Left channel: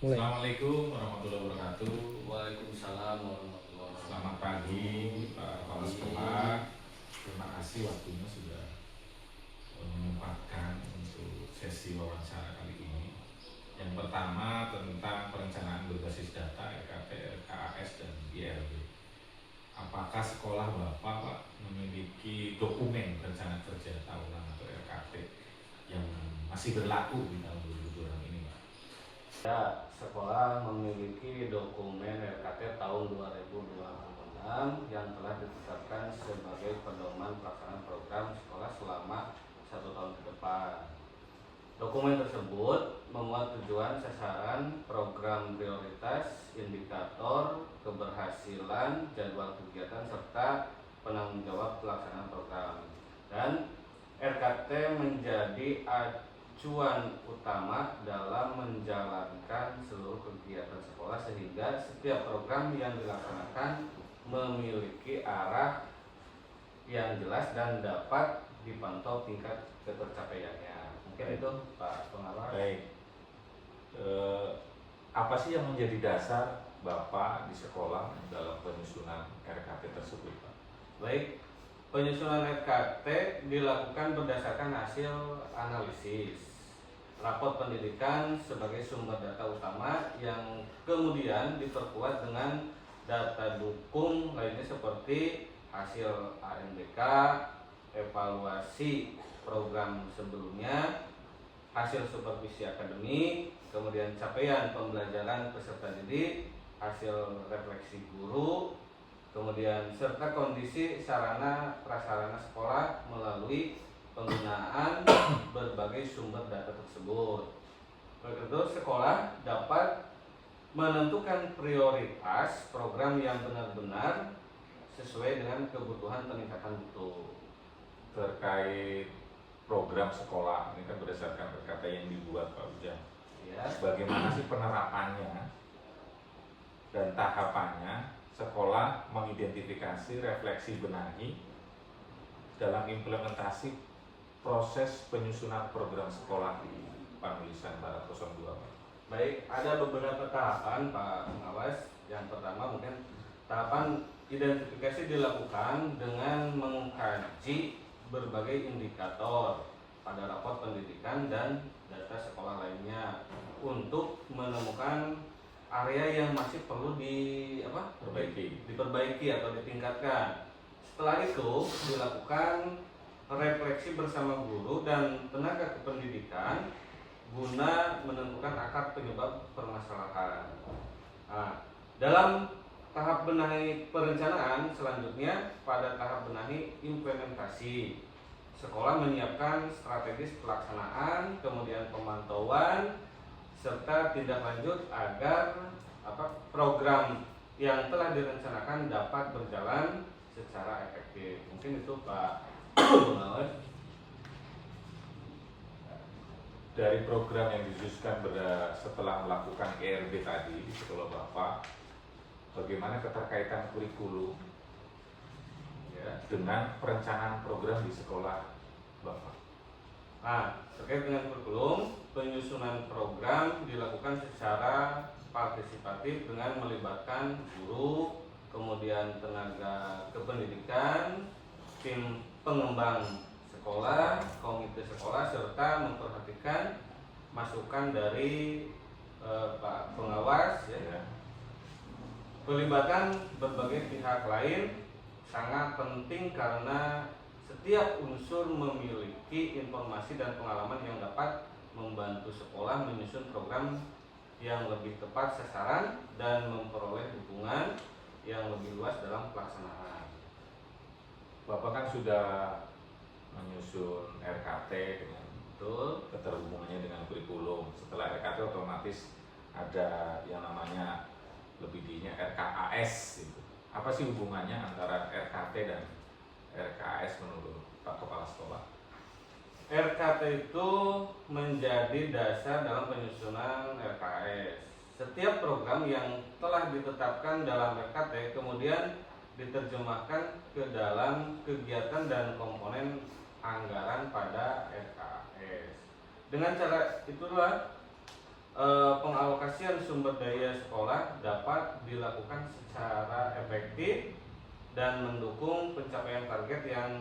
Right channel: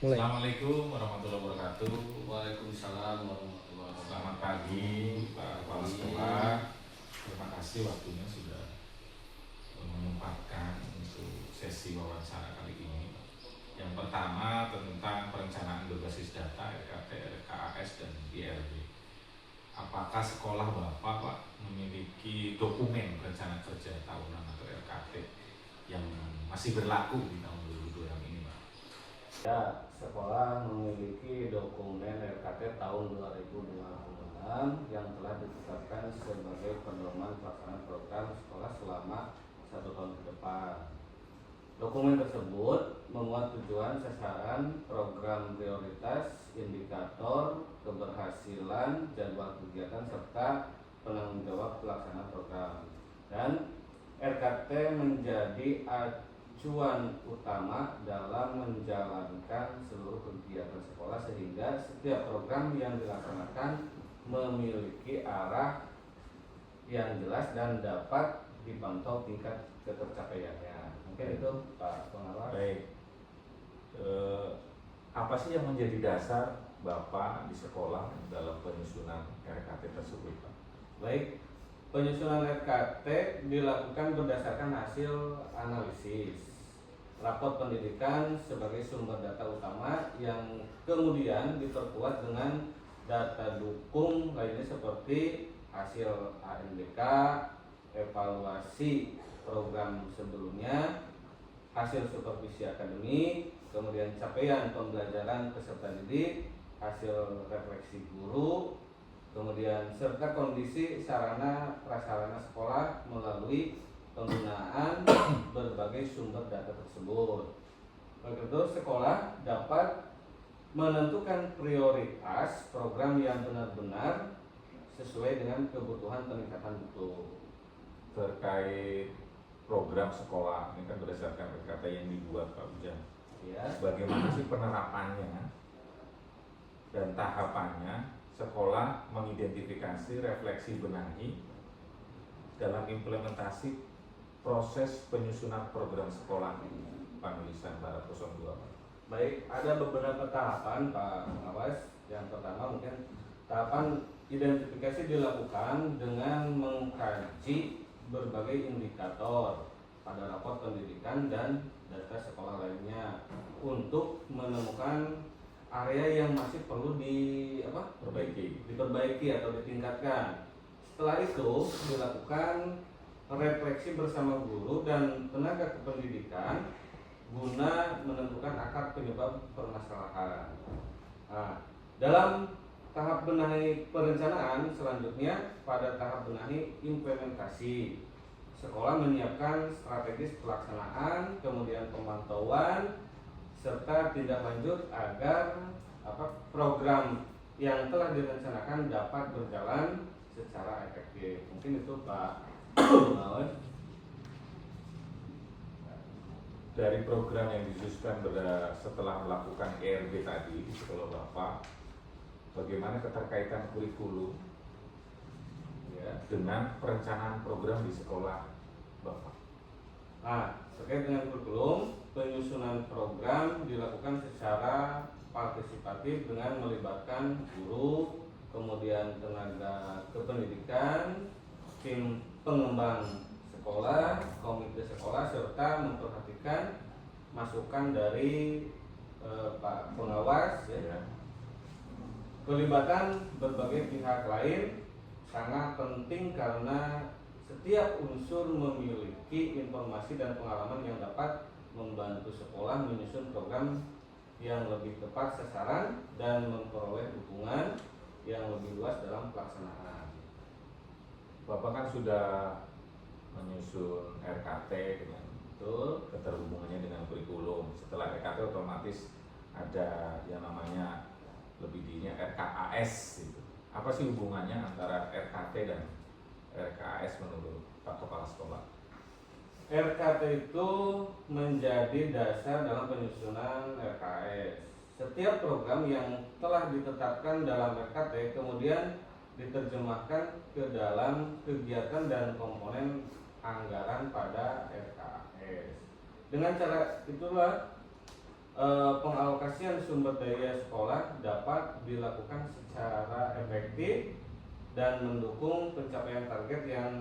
Mulai. Assalamualaikum warahmatullahi wabarakatuh. Waalaikumsalam warahmatullahi wabarakatuh. Selamat pagi Pak Kepala Sekolah. Terima kasih waktunya sudah menyempatkan untuk sesi wawancara kali ini. Yang pertama tentang perencanaan berbasis data RKT, RKAS, dan IRB. Apakah sekolah Bapak Pak memiliki dokumen rencana kerja tahunan atau RKT yang masih berlaku di tahun 2026 ini Pak? Ya, sekolah memiliki dokumen RKT tahun 2026 yang telah ditetapkan sebagai pedoman pelaksanaan program sekolah selama 1 tahun ke depan. Dokumen tersebut memuat tujuan, sasaran, program prioritas, indikator, keberhasilan, jadwal kegiatan, serta penanggung jawab pelaksanaan program. Dan RKT menjadi acuan utama dalam menjalankan seluruh kegiatan sekolah sehingga setiap program yang dilaksanakan memiliki arah yang jelas dan dapat dipantau tingkat ketercapaiannya. Mungkin itu Pak Pengawas. Baik. Apa sih yang menjadi dasar Bapak di sekolah dalam penyusunan RKT tersebut Pak? Baik, penyusunan RKT dilakukan berdasarkan hasil analisis rapot pendidikan sebagai sumber data utama yang kemudian diperkuat dengan data dukung lainnya seperti hasil ANBK, evaluasi program sebelumnya, hasil supervisi akademik, kemudian capaian pembelajaran peserta didik, hasil refleksi guru, kemudian serta kondisi sarana prasarana sekolah melalui penggunaan berbagai sumber data tersebut. Oleh itu, sekolah dapat menentukan prioritas program yang benar-benar sesuai dengan kebutuhan peningkatan mutu. Terkait program sekolah ini kan berdasarkan RKT yang dibuat Pak Ujang. Ya, Bagaimana sih penerapannya dan tahapannya sekolah mengidentifikasi, refleksi, benahi dalam implementasi proses penyusunan program sekolah di Panulisan Barat 02 Pak? baik, ada beberapa tahapan Pak Pengawas. Yang pertama mungkin tahapan identifikasi dilakukan dengan mengkaji berbagai indikator pada rapot pendidikan dan data sekolah lainnya untuk menemukan area yang masih perlu diperbaiki atau ditingkatkan. Setelah itu dilakukan refleksi bersama guru dan tenaga kependidikan guna menentukan akar penyebab permasalahan. Nah, dalam tahap benahi perencanaan selanjutnya, pada tahap benahi implementasi, sekolah menyiapkan strategis pelaksanaan, kemudian pemantauan, serta tindak lanjut agar program yang telah direncanakan dapat berjalan secara efektif. Mungkin itu Pak Pengawas. Dari program yang disusun setelah melakukan IRB tadi di sekolah Bapak, bagaimana keterkaitan kurikulum Ya. dengan perencanaan program di sekolah Bapak? Nah, terkait dengan kurikulum, penyusunan program dilakukan secara partisipatif dengan melibatkan guru, kemudian tenaga kependidikan, tim pengembang sekolah, komite sekolah, serta memperhatikan masukan dari Pak Pengawas. Ya. Pelibatan berbagai pihak lain sangat penting karena setiap unsur memiliki informasi dan pengalaman yang dapat membantu sekolah menyusun program yang lebih tepat sasaran dan memperoleh dukungan yang lebih luas dalam pelaksanaan. Bapak kan sudah menyusun RKT dengan Betul. keterhubungannya dengan kurikulum. Setelah RKT otomatis ada yang namanya lebih dininya RKAS gitu. Apa sih hubungannya antara RKT dan RKAS menurut Pak Kepala Sekolah? RKT itu menjadi dasar dalam penyusunan RKS. Setiap program yang telah ditetapkan dalam RKT kemudian diterjemahkan ke dalam kegiatan dan komponen anggaran pada RKS. Dengan cara itulah pengalokasian sumber daya sekolah dapat dilakukan secara efektif dan mendukung pencapaian target yang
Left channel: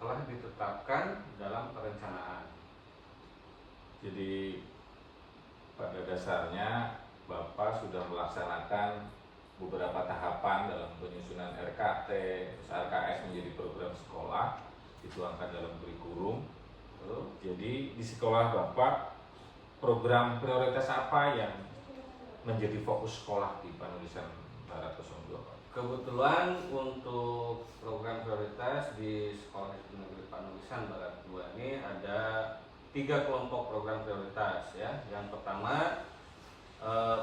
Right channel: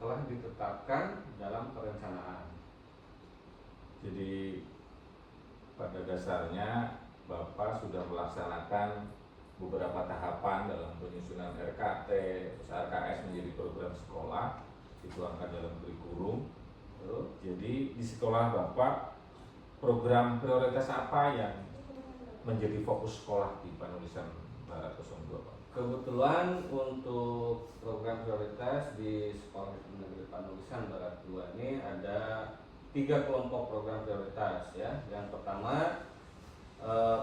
telah ditetapkan dalam perencanaan. Jadi pada dasarnya Bapak sudah melaksanakan beberapa tahapan dalam penyusunan RKT, RKS menjadi program sekolah, dituangkan dalam kurikulum. Jadi di sekolah Bapak, program prioritas apa yang menjadi fokus sekolah di Panulisan Barat 02, Pak? Kebetulan untuk program prioritas di Sekolah Negeri Panulisan Barat 2 ini ada 3 kelompok program prioritas ya. Yang pertama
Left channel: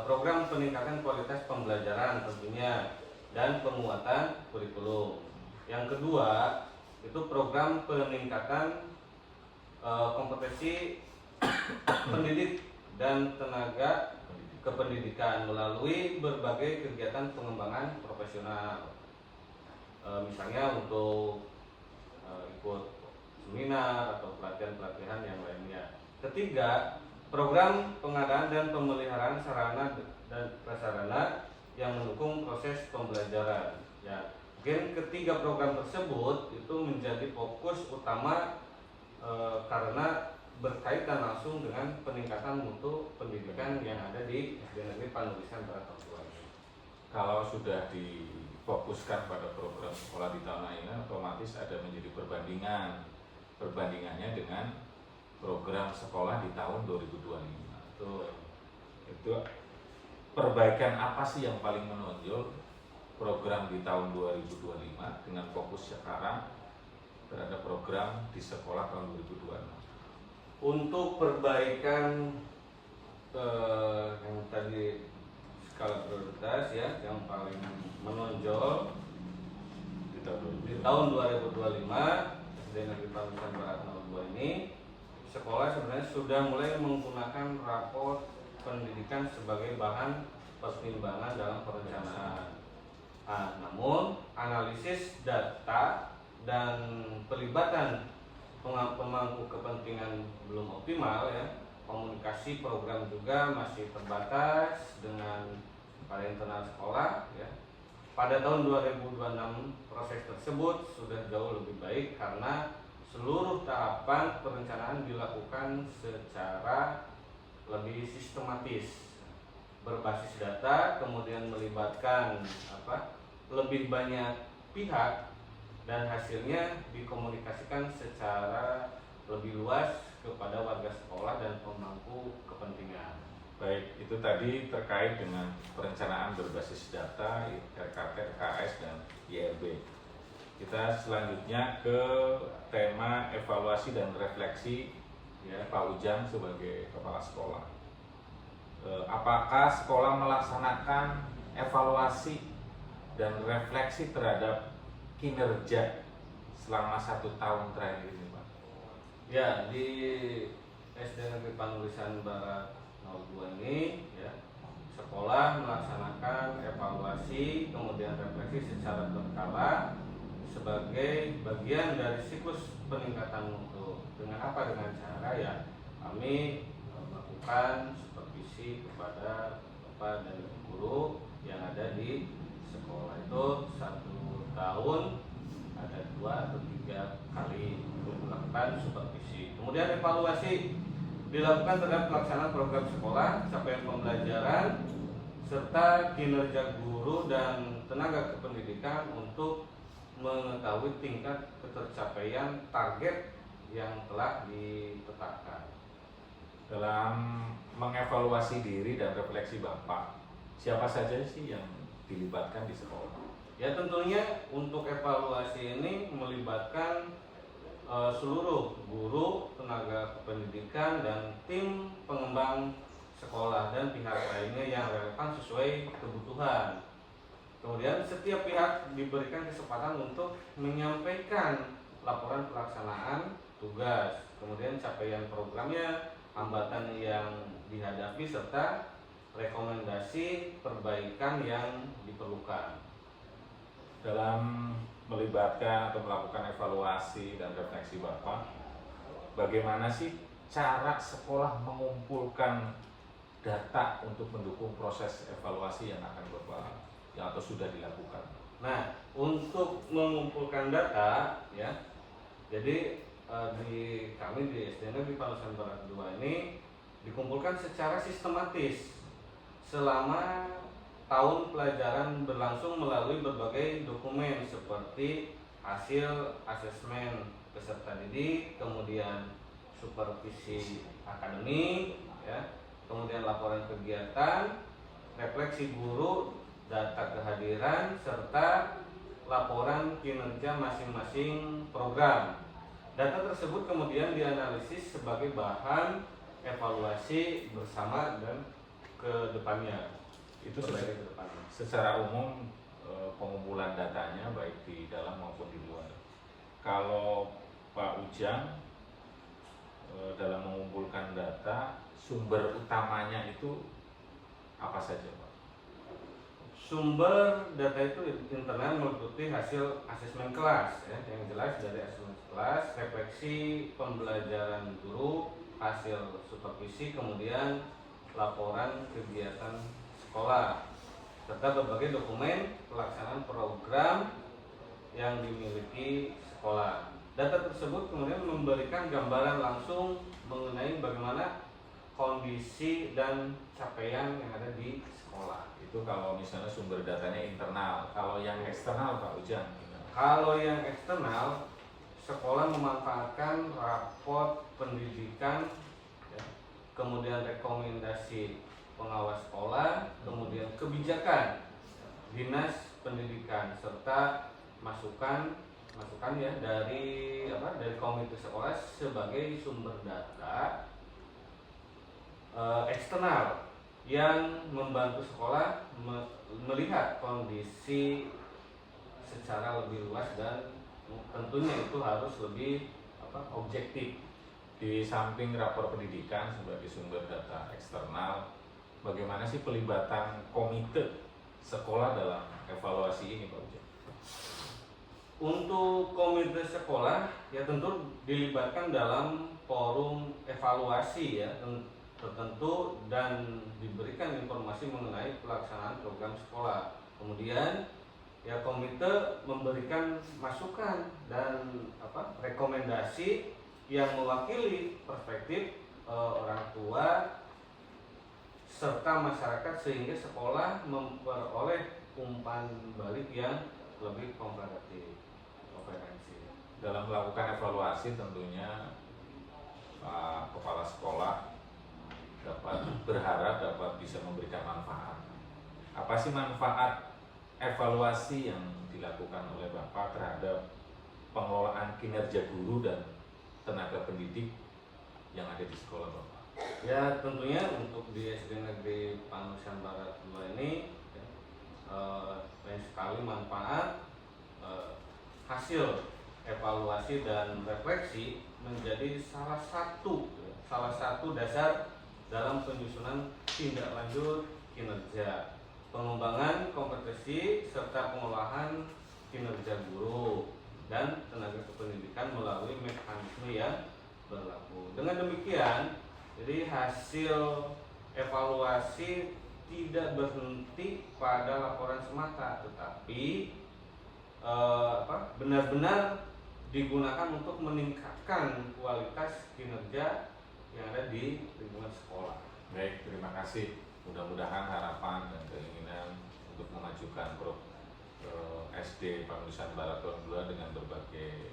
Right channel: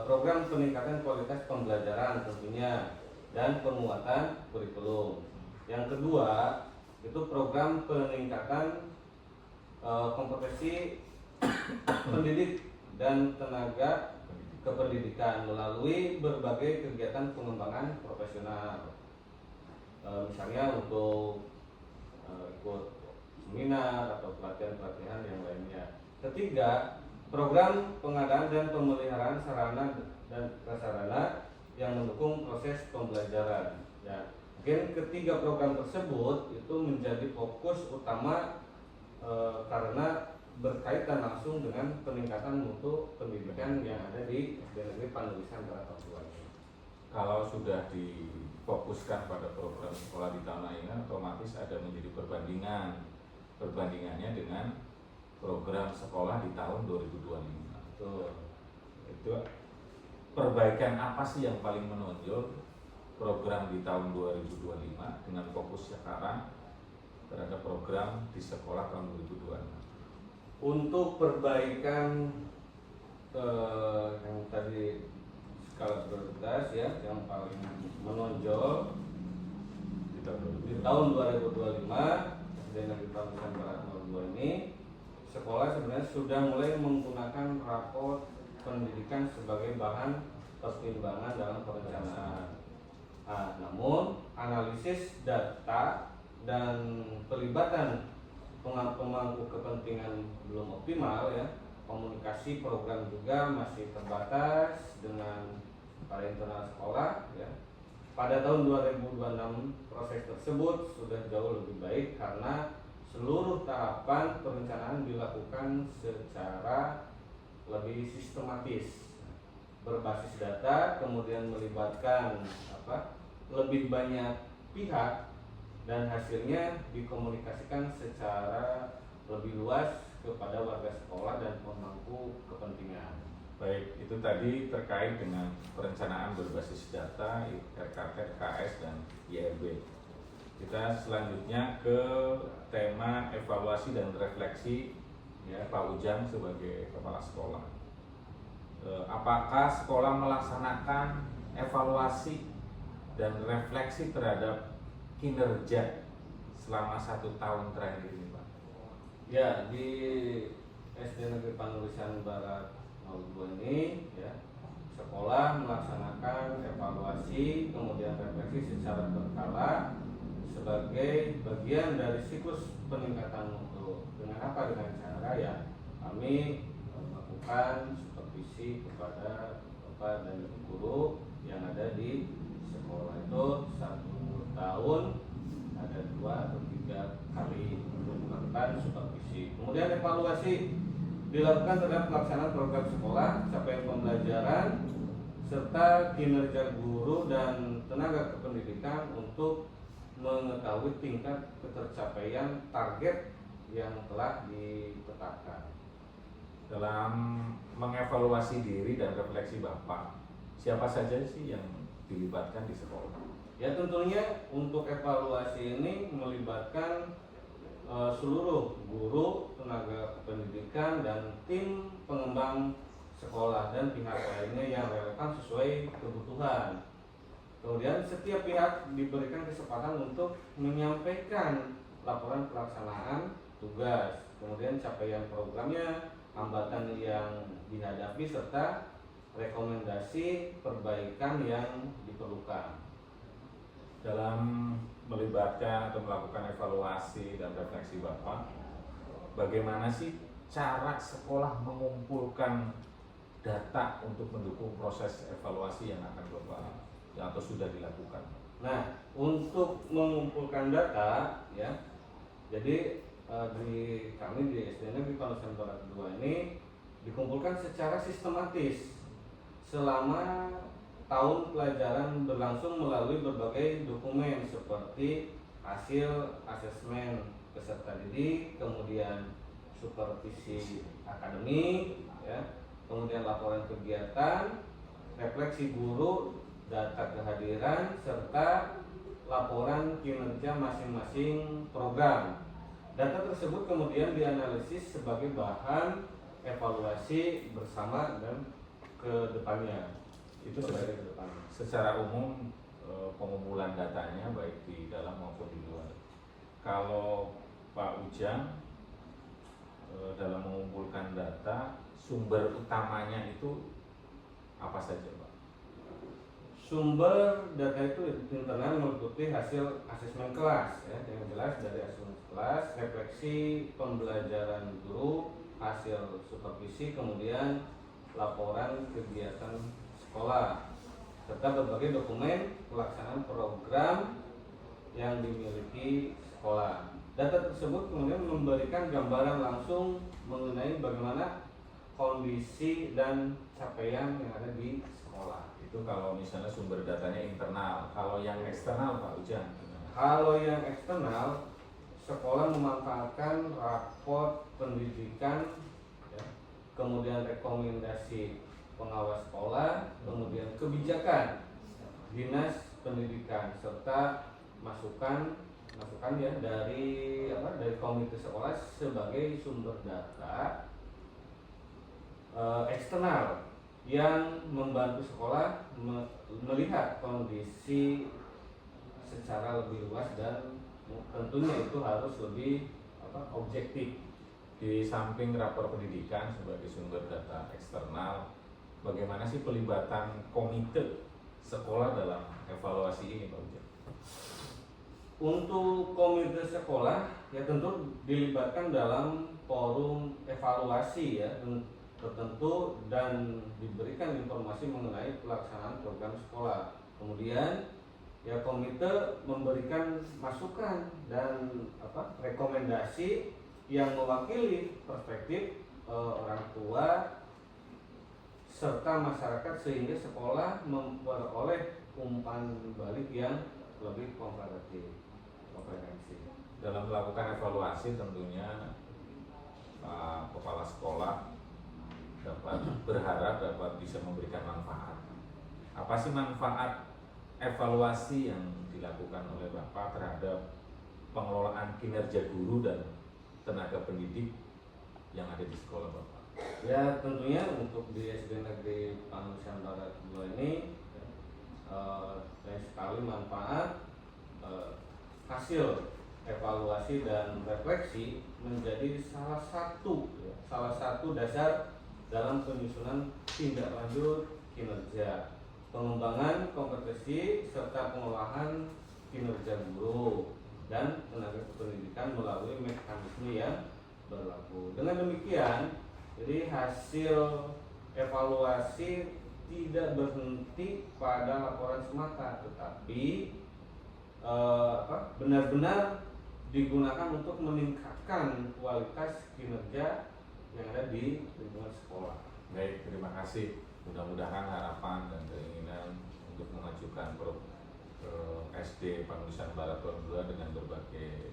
program peningkatan kualitas pembelajaran tentunya dan penguatan kurikulum. Yang kedua itu program peningkatan kompetensi pendidik dan tenaga kependidikan melalui berbagai kegiatan pengembangan profesional, misalnya untuk ikut seminar atau pelatihan-pelatihan yang lainnya. Ketiga, program pengadaan dan pemeliharaan sarana dan prasarana yang mendukung proses pembelajaran. Ya, mungkin ketiga program tersebut itu menjadi fokus utama karena berkaitan langsung dengan peningkatan mutu pendidikan yang ada di SD Negeri Panulisan Barat 2 ini. Kalau sudah difokuskan pada program sekolah di tanah ini, otomatis ada menjadi perbandingannya dengan program sekolah di tahun 2025. Itu perbaikan apa sih yang paling menonjol program di tahun 2025 dengan fokus sekarang terhadap program di sekolah tahun 2026? Untuk perbaikan yang tadi skala prioritas ya, yang paling menonjol di tahun 2025 SD Negeri Panulisan Barat 02 ini, sekolah sebenarnya sudah mulai menggunakan rapor pendidikan sebagai bahan pertimbangan dalam perencanaan. Namun analisis data dan pelibatan pemangku kepentingan belum optimal ya. Komunikasi program juga masih terbatas dengan para internal sekolah ya. Pada tahun 2026 proses tersebut sudah jauh lebih baik karena seluruh tahapan perencanaan dilakukan secara lebih sistematis, berbasis data, kemudian melibatkan lebih banyak pihak, dan hasilnya dikomunikasikan secara lebih luas kepada warga sekolah dan pemangku kepentingan. Baik, itu tadi terkait dengan perencanaan berbasis data, RKT, RKS, dan IRB. Kita selanjutnya ke tema evaluasi dan refleksi ya, Pak Ujang sebagai kepala sekolah. Apakah sekolah melaksanakan evaluasi dan refleksi terhadap kinerja selama 1 tahun terakhir ini, Pak? Ya, di SD Negeri Panulisan Barat 02 ini ya, sekolah melaksanakan evaluasi kemudian refleksi secara berkala sebagai bagian dari siklus peningkatan mutu. Dengan apa? Dengan cara ya kami melakukan supervisi kepada bapak dan ibu guru yang ada di sekolah. Itu 1 tahun ada 2 atau 3 kali untuk melakukan supervisi. Kemudian evaluasi dilakukan terhadap pelaksanaan program sekolah, capaian pembelajaran, serta kinerja guru dan tenaga kependidikan untuk mengetahui tingkat ketercapaian target yang telah ditetapkan. Dalam mengevaluasi diri dan refleksi Bapak, siapa saja sih yang dilibatkan di sekolah? Ya, tentunya untuk evaluasi ini melibatkan seluruh guru, tenaga kependidikan, dan tim pengembang sekolah dan pihak lainnya yang relevan sesuai kebutuhan. Kemudian setiap pihak diberikan kesempatan untuk menyampaikan laporan pelaksanaan tugas, kemudian capaian programnya, hambatan yang dihadapi, serta rekomendasi perbaikan yang diperlukan. Dalam melibatkan atau melakukan evaluasi dan refleksi Bapak, bagaimana sih cara sekolah mengumpulkan data untuk mendukung proses evaluasi yang akan Bapak atau sudah dilakukan? Nah, untuk mengumpulkan data ya, jadi di kami di SD Negeri Panusan Barat 2 ini dikumpulkan secara sistematis selama tahun pelajaran berlangsung melalui berbagai dokumen seperti hasil asesmen peserta didik, kemudian supervisi akademik, ya, kemudian laporan kegiatan, refleksi guru, data kehadiran, serta laporan kinerja masing-masing program. Data tersebut kemudian dianalisis sebagai bahan evaluasi bersama dan ke depannya. Itu sebagai ke depannya. Secara umum pengumpulan datanya baik di dalam maupun di luar. Kalau Pak Ujang dalam mengumpulkan data, sumber utamanya itu apa saja, Pak? Sumber data itu internal meliputi hasil asesmen kelas, ya, yang jelas dari asesmen kelas, refleksi pembelajaran guru, hasil supervisi, kemudian laporan kegiatan sekolah, serta berbagai dokumen pelaksanaan program yang dimiliki sekolah. Data tersebut kemudian memberikan gambaran langsung mengenai bagaimana kondisi dan capaian yang ada di sekolah. Itu kalau misalnya sumber datanya internal. Kalau yang eksternal, Pak Ujang, gimana? Kalau yang eksternal, sekolah memanfaatkan raport pendidikan, ya, kemudian rekomendasi pengawas sekolah, kemudian kebijakan dinas pendidikan, serta masukan ya dari komite sekolah sebagai sumber data eksternal yang membantu sekolah melihat kondisi secara lebih luas dan tentunya itu harus lebih objektif. Di samping rapor pendidikan sebagai sumber data eksternal, bagaimana sih pelibatan komite sekolah dalam evaluasi ini, Pak Ujang? Untuk komite sekolah ya tentu dilibatkan dalam forum evaluasi ya tertentu dan diberikan informasi mengenai pelaksanaan program sekolah. Kemudian ya komite memberikan masukan dan rekomendasi yang mewakili perspektif orang tua serta masyarakat sehingga sekolah memperoleh umpan balik yang lebih komprehensif. Dalam melakukan evaluasi tentunya Pak Kepala Sekolah berharap dapat bisa memberikan manfaat. Apa sih manfaat evaluasi yang dilakukan oleh Bapak terhadap pengelolaan kinerja guru dan tenaga pendidik yang ada di sekolah Bapak? Ya tentunya untuk di SD Negeri Panusan Barat 2 ini banyak sekali manfaat. Hasil evaluasi dan refleksi menjadi salah satu dasar dalam penyusunan tindak lanjut kinerja, pengembangan kompetensi serta pengolahan kinerja guru dan tenaga kependidikan melalui mekanisme yang berlaku. Dengan demikian, jadi hasil evaluasi tidak berhenti pada laporan semata, tetapi benar-benar digunakan untuk meningkatkan kualitas kinerja yang ada di lingkungan sekolah. Baik, terima kasih. Mudah-mudahan harapan dan keinginan untuk mengajukan SD Panusan Barat 2 dengan berbagai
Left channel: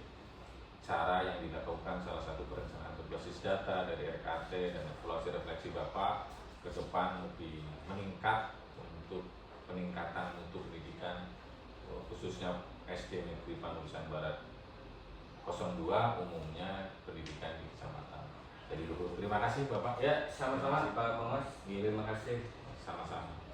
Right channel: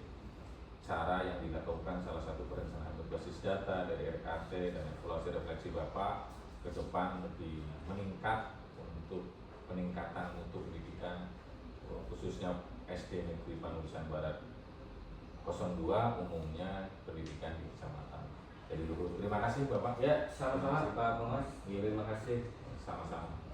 cara yang dilakukan, salah satu perencanaan berbasis data dari RKT dan evaluasi refleksi Bapak ke depan lebih meningkat untuk peningkatan untuk pendidikan khususnya SD Negeri Panusan Barat 02 umumnya pendidikan di kecamatan. Jadi dulu terima kasih Bapak. Ya, sama-sama Pak Pengas. Terima kasih. Sama-sama.